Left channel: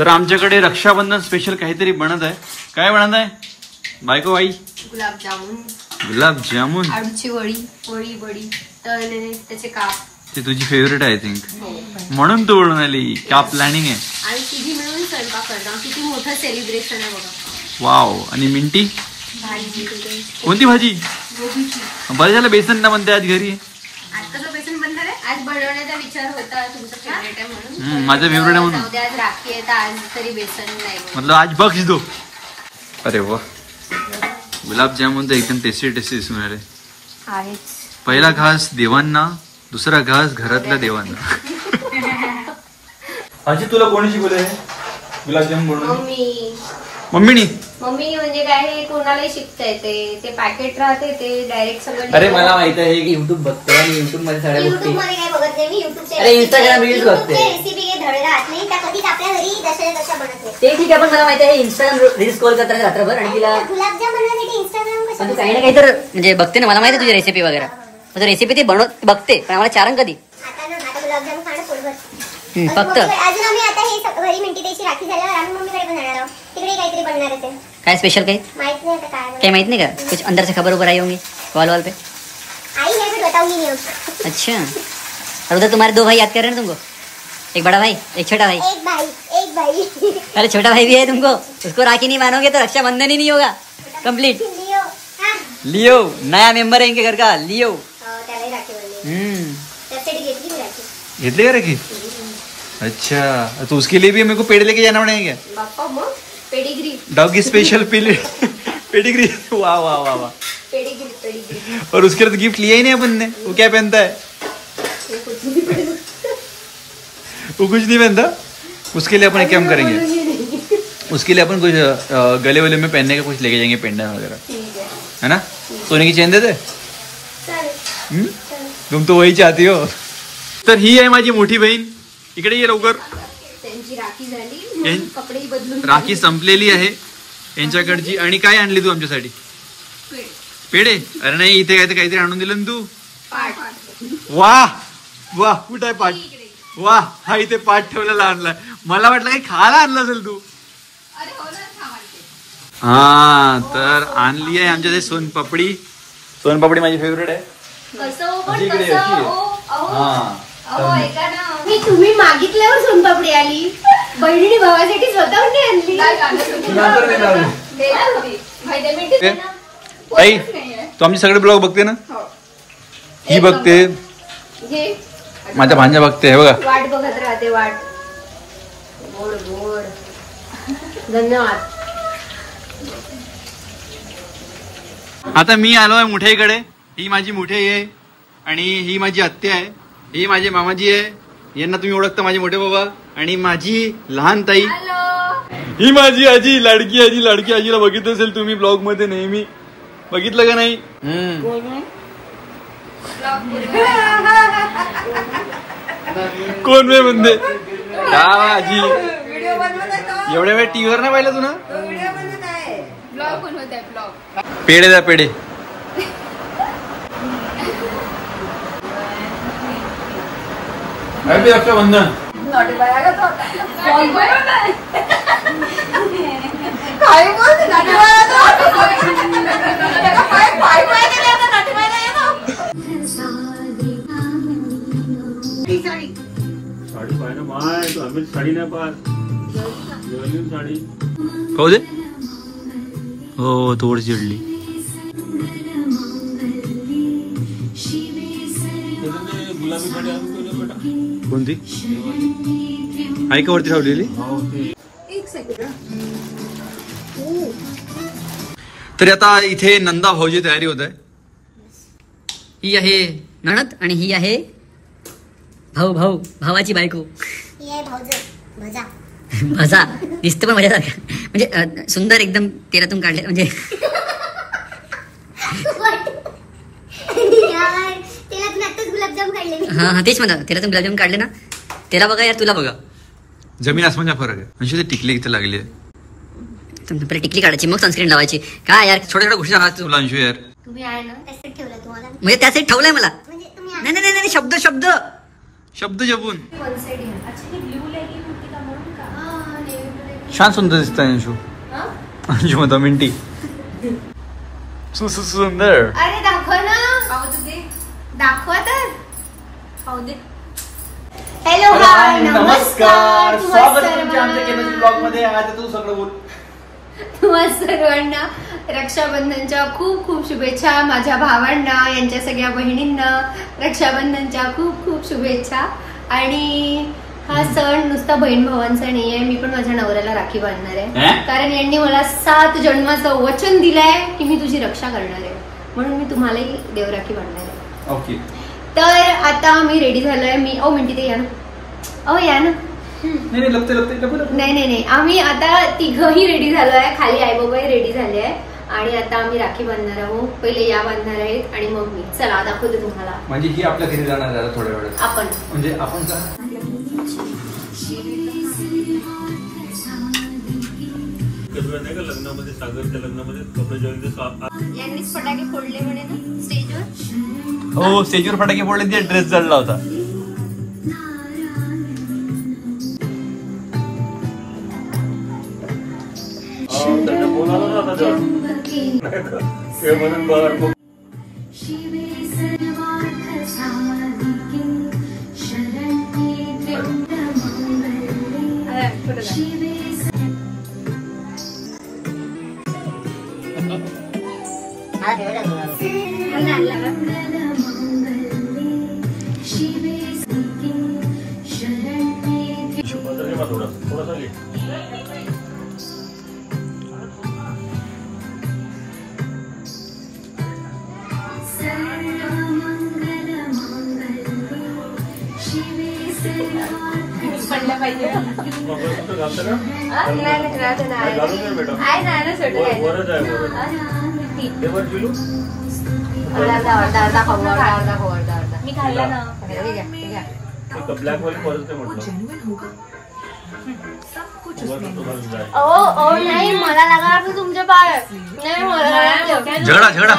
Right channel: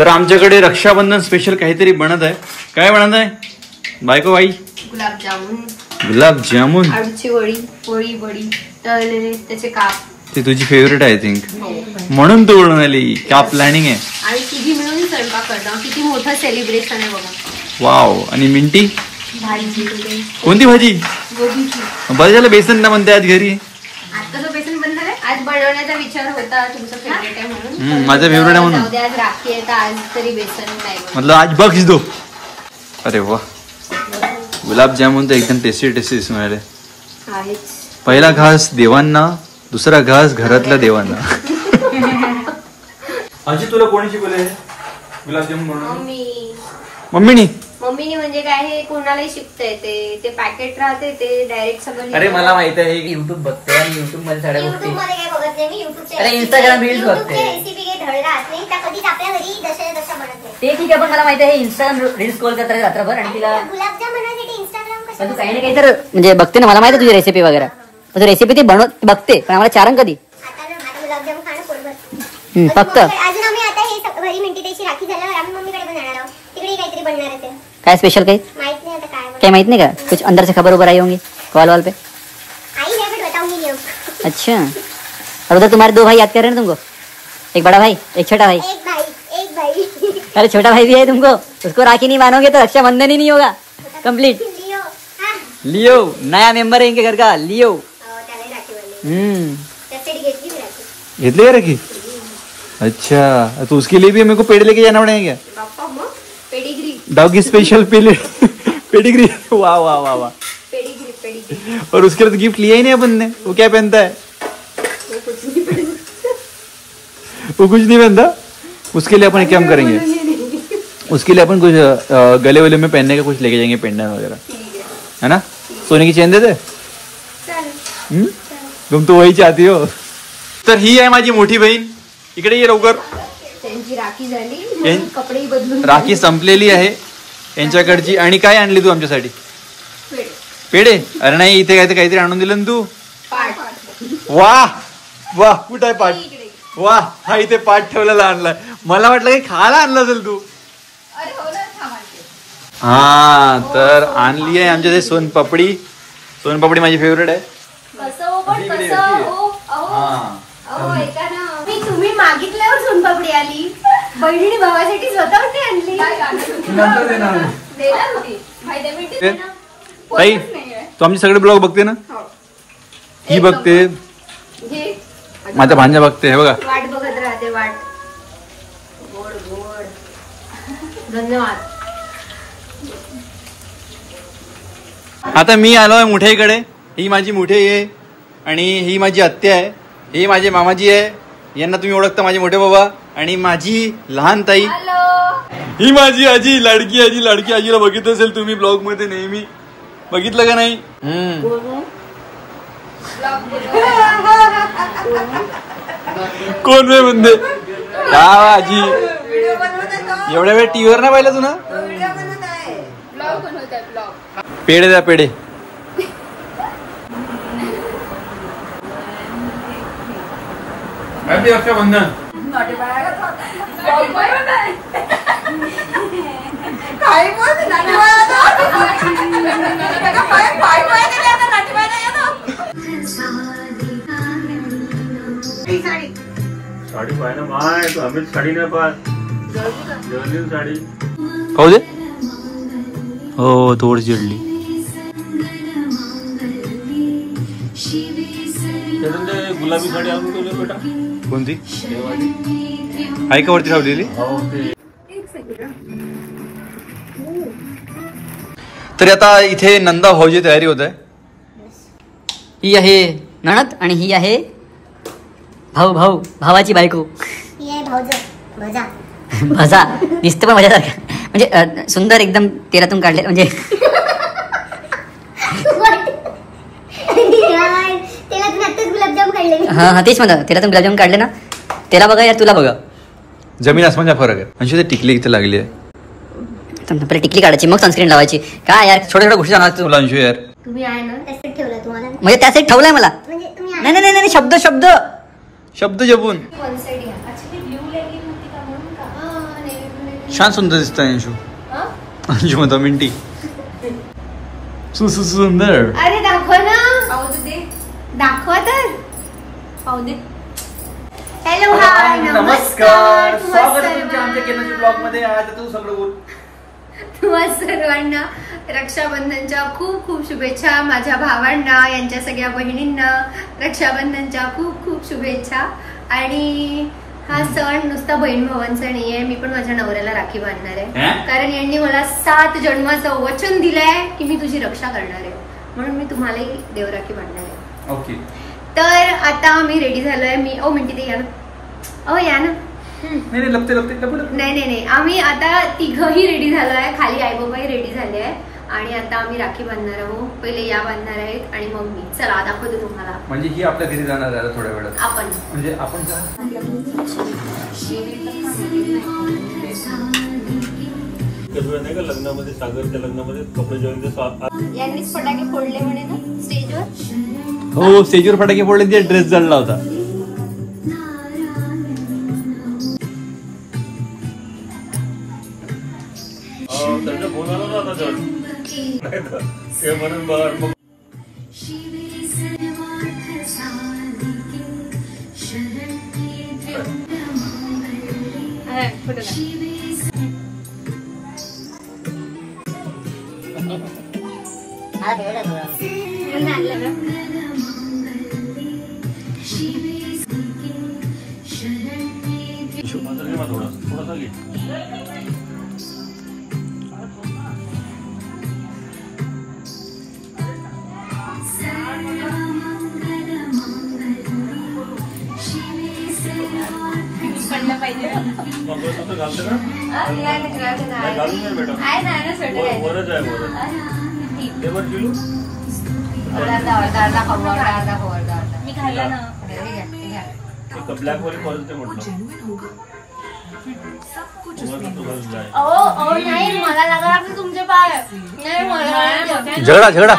तर आमच्याकडे रक्षाबंधन स्पेशल काहीतरी बनत आहे. काय बनत आहे बायको बाई? गुलाबजामुन, आळूची वडी वडी तळलेले त्याचे काप. ते तुझी फेवरेट आहे आय थिंक, म्हणून तू ओळून आली. का प्लॅनिंग आहे? आणि तुझी मिळून स्वयंपाक करता. किती मोठं सेलिब्रेशन आहे बघा. वाव. आणि मिंटी भाजी. कोणती भाजी? गोबीची. बरं झालं बेसन ना म्हणते आज घरी. आता तो बेसन बनणार आहे. आज बनवण्याचा विचार होता, तुमचा फेवरेट आहे म्हणून. माझा फेवरेट आहे म्हणून. आज राखी आहे तर आज तरी बेसन नाही मतलब आज बख्श दो. अरे वा, गुलाबजामुन तर एकदम टेस्टी टेस्टी दिसून राहिले. पहिला घास देवांना, दुसरा घास घरातल्या देवांना. अशी तुला कोणी शिकवले गुलाबजामुन बनवून? मम्मीनी. मम्मीने म्हणजे काय, हे कोणालाही शिकता येते. ते पॅकेट राहते ते डायरेक्ट सगळं. अरे मला माहित आहे की युट्यूब बघते आणि युट्यूब मध्ये सगळ्या गोष्टी. काय बघत नाही मी युट्यूबचे. अरे इंस्टाग्राम रील्स बघते. रेसिपी धडरात नाही त्या कधीच आपल्या घरी जशा तशा बनत नाही. ते ठीक आहे, पण मला माहिती आहे इंस्टाग्राम रील्स स्क्रॉल करत राहते रात्रभर आणि तिला गुलाबजाम बनवण्यासाठी इंस्टाग्राम कसं. पण तू काही ना काही तर म्हणजे बघते ना. मला माहिती आहे तुझी रेसिपी वगैरे. तुझी रेसिपी ती बनवत बघते, पण आम्हाला चारण कधी. आता गुलाबजाम खाणं पोटभर. फक्त अजून आम्ही आता हे घरी मिंटी त्याची राखी झाल्यावर आम्ही मम्मीकडे पण जाणार आहोत. तिकडे काहीतरी बनणार आहे. काय स्पेशल काही माहित नाही आता काय. काही माहित नाही का? कुछ अंदर से खबर उबर आई होंगी कॉल वॉल पे? आई है बट बताऊंगी नहीं. अच्छा. और उधर तुम्हारे दो भाई याद कर रहे हैं तुमको? एक बड़ा भाई, एक छोटा भाई. एक भाई. अरे छोटा भाई भी है तुमको. उसको राखी नहीं मानोगे तो रक्षाबंधन ही नहीं होगा कंप्लीट. लियो नया मेंबर है इनके घर का. लियो. घेतली का राखी? अच्छा, तो उसके लिए भी मेरे को पेड़ लेके जाना पड़ेगा क्या? पेडिग्री. Doggy special pedigree. वाह वाह वाह वाह. पेडिग्री. और उसके लिए तो गिफ्ट लिया ही नहीं अपन ने. वो क्या पहनता है? वो कुछ नहीं पहनता. उसके लिए अपन क्या करेंगे, उसके लिए अपन कुछ गले वले में पहनने का कुछ लेके जाएंगे, पेंडेंट वगैरह, है ना. सोने की चेन देते. तुम तो वही चाहती हो. तर ही आहे माझी मोठी बहीण. इकडे ये लवकर. त्यांची राखी झाली, कपडे बदलून. राखी संपलेली आहे यांच्याकडची. आणि काय आणली तू आमच्यासाठी? पेढे. अरे नाही, इथे काय काहीतरी आणून दिलं ना तू. वाह वाह. कुठं आहे पाठ? वाह, हा इथे पाठ ठेवलेला आणलाय. मला वाटलं काही खायला आणलं असेल तू. हा, तर आणली आहे आमच्या सोनपापडी. सोनपापडी माझी फेवरेट आहे. हा, तुम्ही मागितल्यावर सोनपापडी आली. बहिणीने भावासाठी स्वतःहून आणली. ताई, तू आमचे सगळे ब्लॉग बघते ना? ही बघते, माझ्या भांजा बघते. हे बघा, वाट बघत राहते. वाट. गोड गोड. धन्यवाद. आता मी आलोय मोठ्याकडे. ही माझी मोठी आहे आणि ही माझी आत्या आहे. ही माझी मामाजी आहे. यांना तुम्ही ओळखता, माझे मोठे बाबा. आणि माझी लहान ताई. ही माझी आजी, लाडकी आजी. लाडकी आजीला बघितलं असेल तुम्ही ब्लॉग मध्ये नेहमी. बघितलं का नाही? कोण वे म्हणते आजी? एवढ्या वेळ टीव्हीवर नाही पाहिलं तू ना? पेढे द्या, पेढे. हॅपी रक्षाबंधन. साडी पाहिजे माय, तो आम्ही साडी नाही पाहिजे. साडी खाऊ दे. हो, थोडी चिडली. गुलाबी साडी आणून बेटा. कोणती आहे का वरती ठेवलेली? तरी आता इथे नंदा भाऊची तयारी होत आहे. ही आहे नणद आणि ही आहे भावाची बायको. भजा दिसतं पण मजासारखं. म्हणजे सुंदर एकदम तेलातून काढले. म्हणजे हा तेच म्हणा. तेलातून गुलाबजाम काढले ना. त्याला बघा यार, तुला बघा. जमीन आसमानचा फरक आहे. म्हणजे ते टिकली इथे लागली आहे. पहिले टिकली काढायची, मग सनस्क्रीन लावायची. काय यार, छोट्या छोट्या गोष्टी जाणार तुला अंशू यार. तुम्ही आहे ना त्यासाठी ठेवला तुम्हाला. म्हणजे त्यासाठी ठेवलाय मला. म्हणजे नाही नाही नाही, शब्द शब्द जपून. छान सुंदर दिसतंय अंशू. अंशू म्हणतो मिंटी सुंदर. अरे दाखव ना. पाहू दे. दाखवा तर. पाहू दे. हॅलो हाय नमस्कार. स्वागत आहे तुमच्या आमच्या केनोजी ब्लॉग मध्ये. आज तू सगळं बोल. तुम्हा सर्वांना रक्षाबंधनच्या खूप खूप शुभेच्छा. माझ्या भावांना, यांच्या सगळ्या बहिणींना रक्षाबंधनच्या खूप खूप शुभेच्छा. आणि हा सण नुसता बहीण भावांचा नाहीये. मी पण माझ्या नवऱ्याला राखी बांधणार आहे. कारण यांनी मला 7 जन्माचं वचन दिलंय की मी तुझी रक्षा करणार आहे. म्हणून मी तुम्हालाही देवराखी बांधणार आहे. ओके. तर आता मी रेडी झालोय. मी मिंटी ते या ना. या ना. नाही लपते. नाही आम्ही आता तिघही रेडी झालोय. खाली आई बाबाही रेडी झाले आहे. आणि आता आम्ही राखी बांधणार आहोत. पहिले या बांधणार आहेत आणि मग मी. चला दाखवते तुम्हाला. म्हणजे ही आपल्या घरी जाणार आहे थोड्या वेळात. आपण म्हणजे आपण नाही का लग्नामध्ये, सागरच्या लग्नामध्ये कपडे जेवण यांनीच फटाके फोडले म्हणे ना स्टेजवर. हो स्टेजवर फटाके फोडले. ते ड्रेस जळला होता. त्यांचा फोन आला ना आता ते म्हणून बघ मग. थोडासा घे. पडलं पाहिजे. मंगळसूत्र घालते ना. घालून ये बेटा. वरच आहे मी खायला ना. ब्लॅक वाली परत ते म्हटलं. नाही मला लागला आपलं तुमच्या पाय. नाही मला झगडा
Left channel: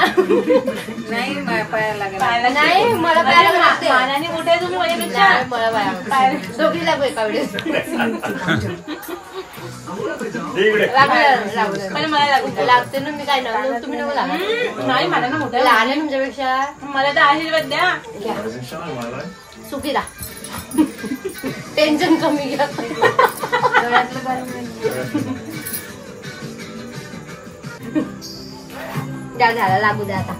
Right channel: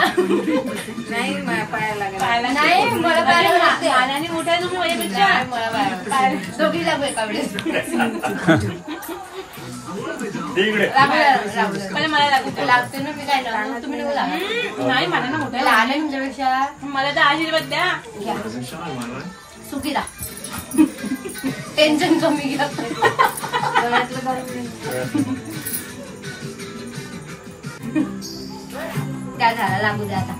नाही मला पायाने मोठ्या तुम्ही माझ्यापेक्षा. मला दोघीला एकावेळेस लागते ना. मी काय लागलो तुम्ही नको लागला. नाही मला ना मोठ्या लहान आहे तुमच्यापेक्षा. मला तर आशीर्वाद द्या. सुखीला टेन्शन कमी घ्या. द्या झाला लागू द्या आता.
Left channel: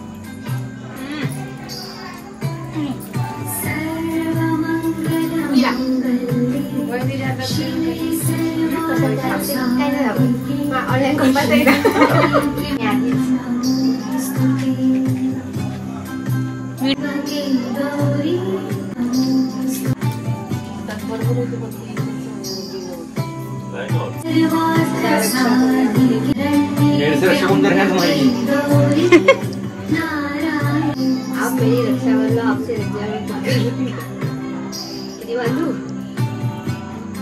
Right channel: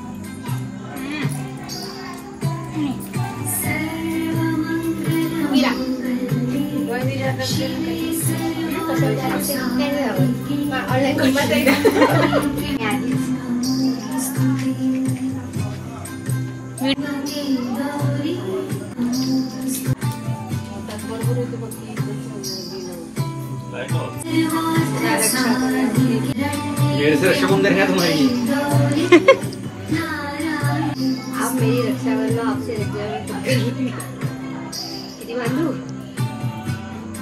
ऑनलाईन कंपल्सरी रक्षाबंधन है तुम्हारी. आप मेरी रक्षा कर लो. आपसे किती बांधू.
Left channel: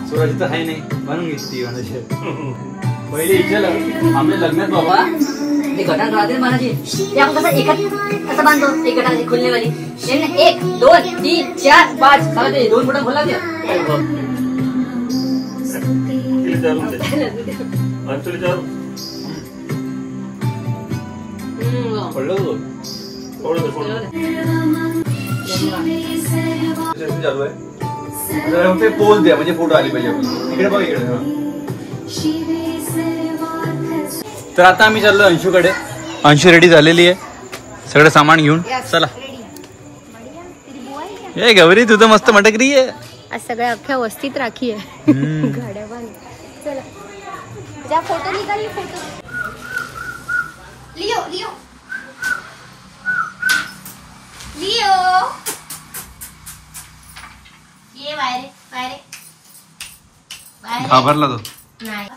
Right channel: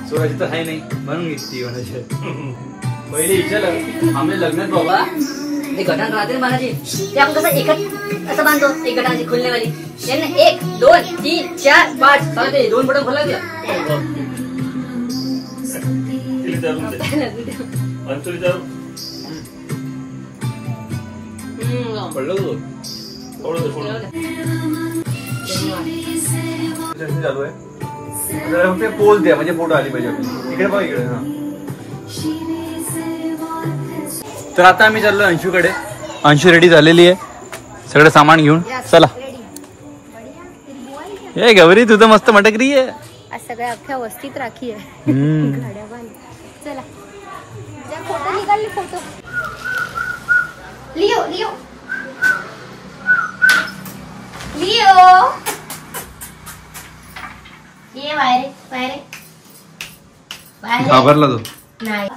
सोळाची तर आहे नाही म्हणून घेतली. पहिले विचारलं आम्ही लग्नात बाबा ते गटान राहते ना मनाची. ते आपण कसं एकच असं बांधतो. एक गटाची खुलनेवाली. 1 2 3 4 5 बघा ते 2 बटन खोला. पडलं होतं चालू आहे. पोज द्या म्हणजे फोटो आली पाहिजे आपली. इकडे बघा इकडे. हा तर आता आम्ही चाललो अंशूकडे. अंशू रेडी झालेली आहे सगळं सामान घेऊन. चला. हे गौरी तुझं मस्त मटकरी आहे. आज सगळ्या अख्ख्या वस्तीत राखी आहे. गाड्या बांध. चला त्या फोटो निघाले. फोटो लिओ लिओ लिओ ये बाहेर बाहेर बाहेर. घाबरला तो. नाही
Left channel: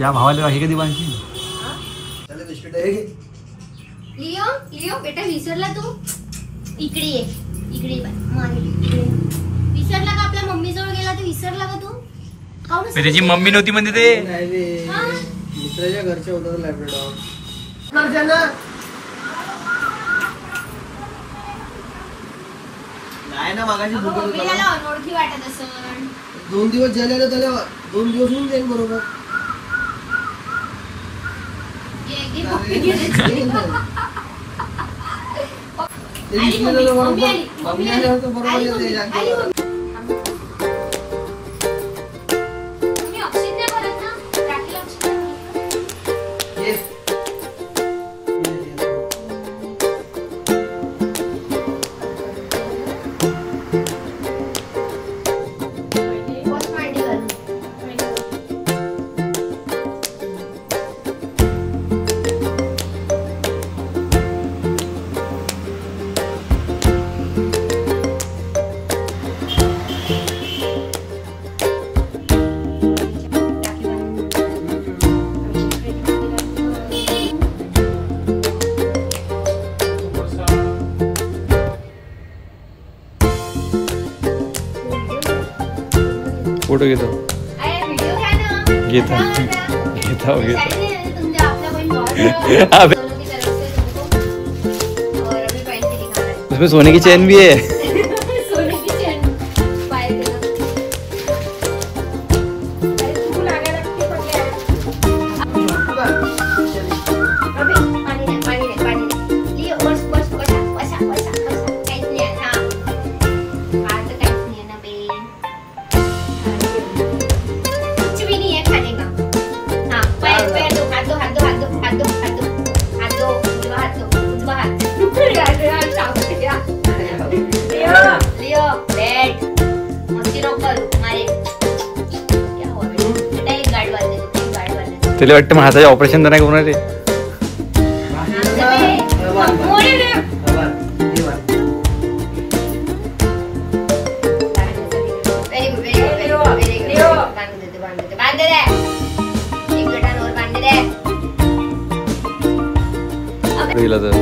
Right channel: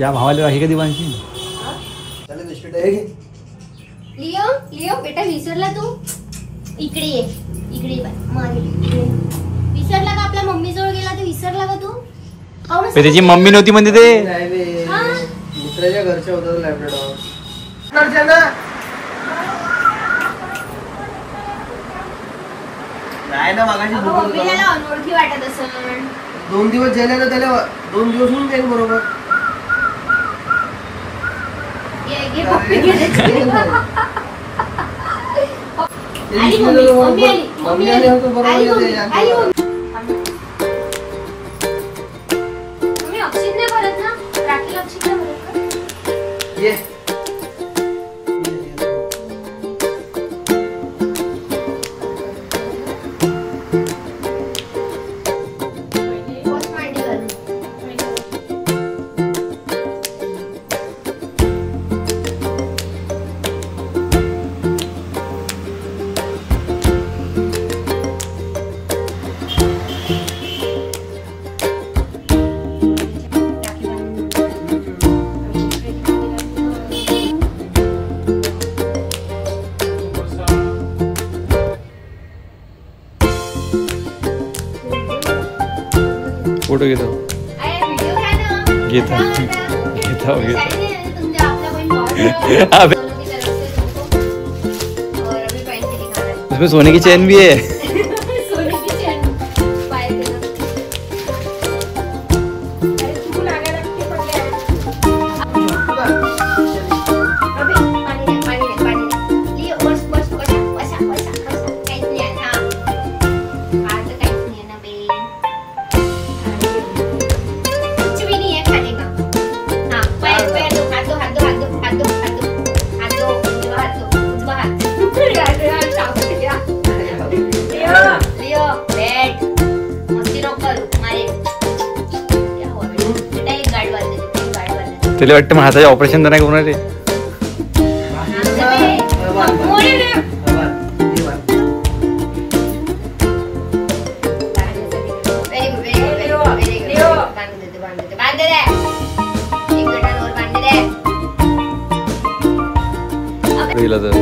या भावाला हे कधी बांधशी. लिओ लिओ बेटा विसरला तू. इकडे ये. इकडे विसरला का. आपल्या मम्मी जवळ गेला तर विसरला का तू. त्याची मम्मी नव्हती म्हणजे ते मित्राच्या घरच्या होतं लॅबरेटरीवर. नाही ना मगाशी मम्मीला अनोळखी वाटत असेल. 2 दिवस झाले ना त्याला 2 दिवस होऊन जाईल बरोबर. मम्मी आली होतो बरोबर येते. फोटो घेतो व्हिडिओ घ्या ना. घेता घेता घेता. तुमच्या आपल्या बहीण उसमें सोने की चैन भी है. सोने की चैन पाय देना. अरे तू लागायला लागते पडले. अबे पाणी दे पाणी दे पाणी दे. लिओ बस बस बसा बसा बसा बसा. काहीच नाही आहे. हा आज काहीच नाही आहे ना बे. कुछ भी नहीं है खाने का. हाँ पैर पैर दो हाथ दो हाथ दो हाथ दो हाथ दो हाथ दो हाथ दो उजवा हाथ दो उजवा हाथ. लिओ बैठ मस्ती नको करू मारे. क्या हुआ बेटा एक गाडी वाजले एक गाडी वाजले. तुला वाटतं मग हाताचे ऑपरेशन तर नाही होणार आहे. पहिला तर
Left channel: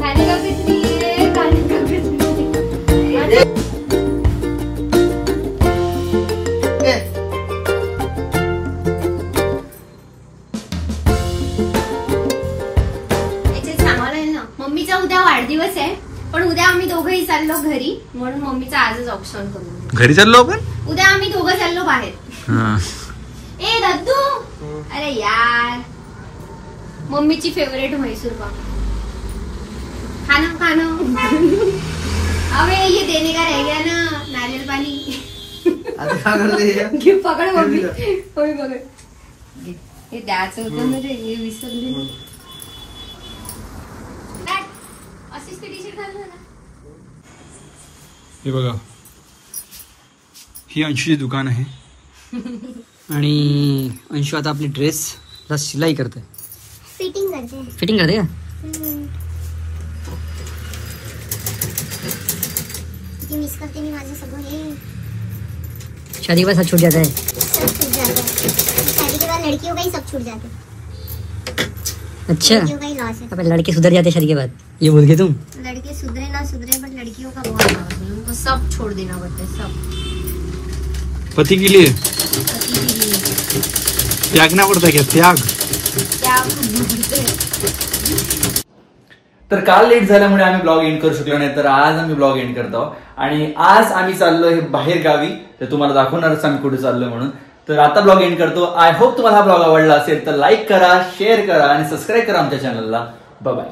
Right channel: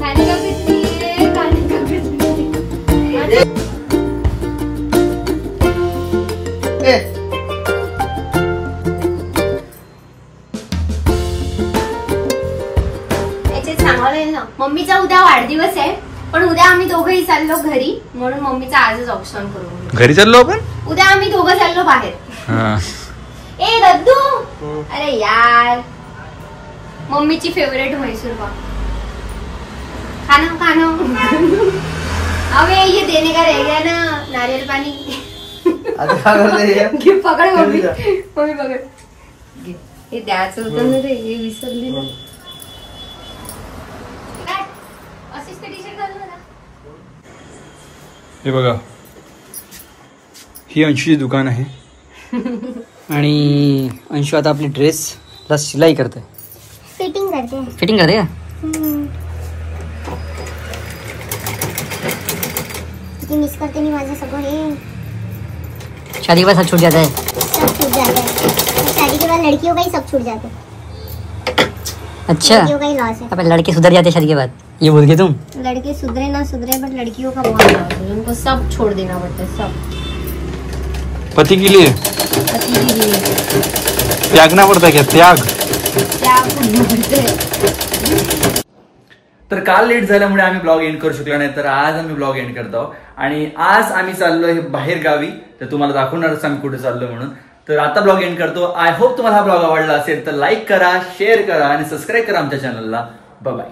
खाने का कुछ नहीं है खाने का कुछ नहीं है. याचे सांगायला ना मम्मीचा उद्या वाढदिवस आहे पण उद्या आम्ही दोघंही चाललो घरी म्हणून मम्मीचा आजच ऑप्शन करू. घरी चाललो आपण. उद्या आम्ही दोघं चाललो बाहेर. हा ए दद्दू अरे यार मम्मीची फेवरेट म्हैसूर पाव खाना खाना. अबे ये देने का रह गया ना नारियल पानी. आता काय करते? घे पकड मम्मी मम्मी पकड घे. हे द्यायचं होतं ना रे हे विसरली ना. अशीच ते टी-शर्ट घालून ना. हे बघा ही अंशूची दुकान आहे आणि अंशू आता आपली ड्रेसला शिलाई करते. फिटिंग करते. फिटिंग करते का? किती मिस करते मी माझं सगळं हे. शादी के बाद सब छूट जाता है. सब छूट जाता है. शादी के बाद लड़कियों का ही सब छूट जाता है. अच्छा लड़कियों का ही लॉस है. अब लड़के सुधर जाते हैं शादी के बाद ये बोल के तुम. लड़के सुधरे ना सुधरे बट लड़कियों का बहुत लॉस है. उनको सब छोड़ देना पड़ता है सब. पति के लिए पति के लिए त्यागना पड़ता है क्या? त्याग. तर काल लेट झाल्यामुळे आम्ही ब्लॉग एंड करू शकलो नाही तर आज आम्ही ब्लॉग एंड करतो आणि आज आम्ही चाललोय बाहेर गावी. तर तुम्हाला दाखवणारच आम्ही कुठे चाललोय म्हणून. तर आता ब्लॉग एंड करतो. आय होप तुम्हाला हा ब्लॉग आवडला असेल तर लाईक करा शेअर करा आणि सबस्क्राईब करा आमच्या चॅनलला. Bye bye.